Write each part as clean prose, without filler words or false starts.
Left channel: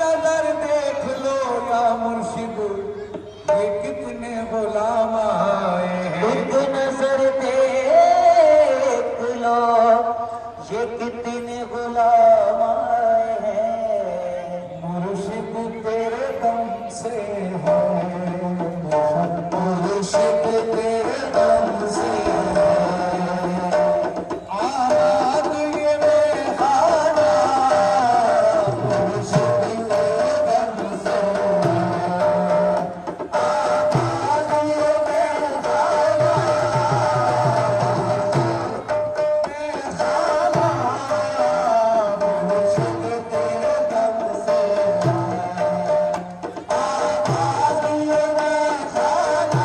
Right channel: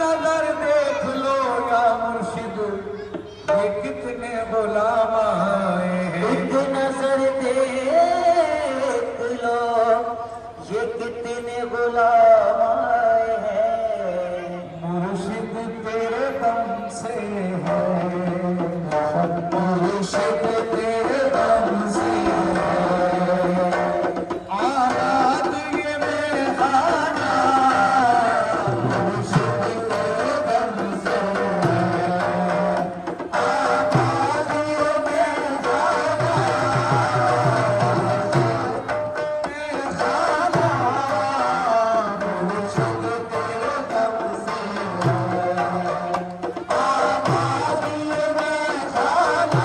नजर देख लो या मुर्शिद, ये कितने गुलाम आए हैं। एक नजर देख लो, ये कितने गुलाम आए हैं। मुर्शिद तेरे दम से है, मुर्शिद तेरे दम से आजाद ये बेगाना, मुर्शिद तेरे दम से आजाद ये बेगाना, बेगाना, मुर्शिद तेरे दम से आजाद ये बेगाना,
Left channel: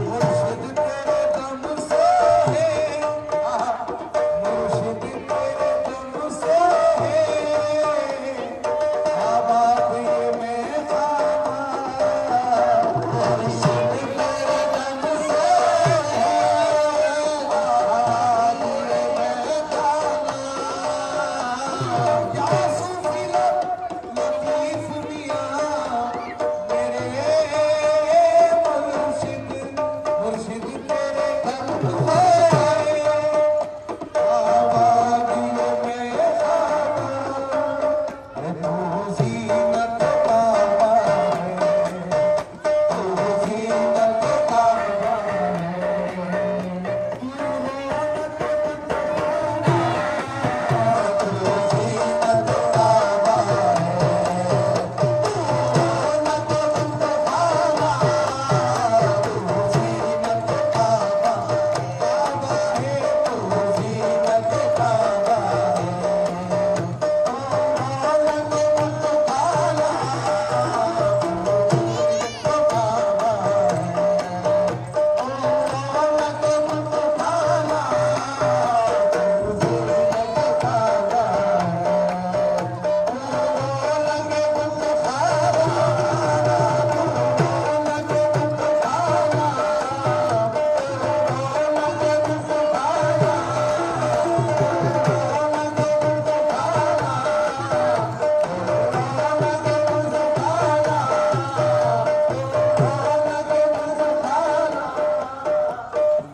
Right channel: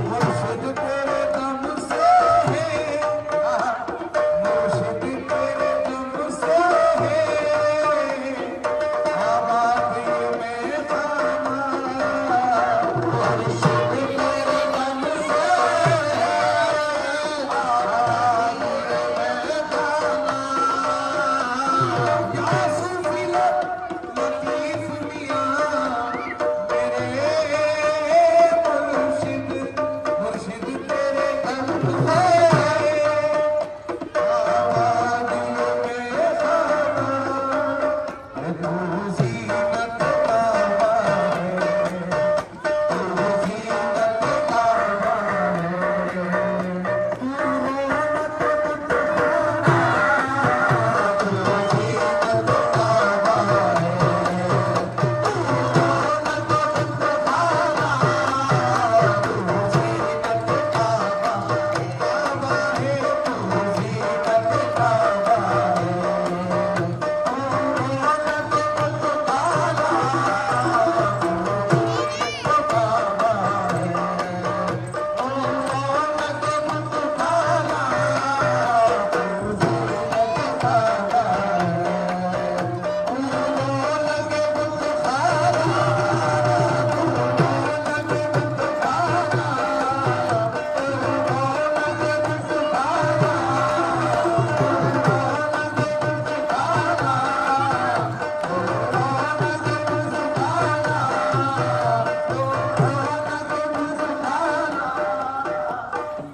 मुर्शिद तेरे दम से है, मुर्शिद तेरे दम से है, आबाद ये बेगाना, मुर्शिद तेरे दम से आजाद ये बेगाना। या सूफी लतीफ मियां मेरे मुर्शिद, मुर्शिद तेरे दम से आबाद ये बेगाना। अरे तू ज़ीनत का है, तू ज़ीनत का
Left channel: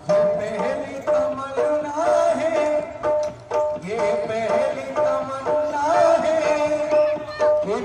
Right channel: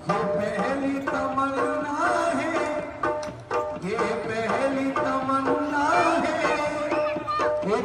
ये पहली तमन्ना है, ये पहली तमन्ना है, कि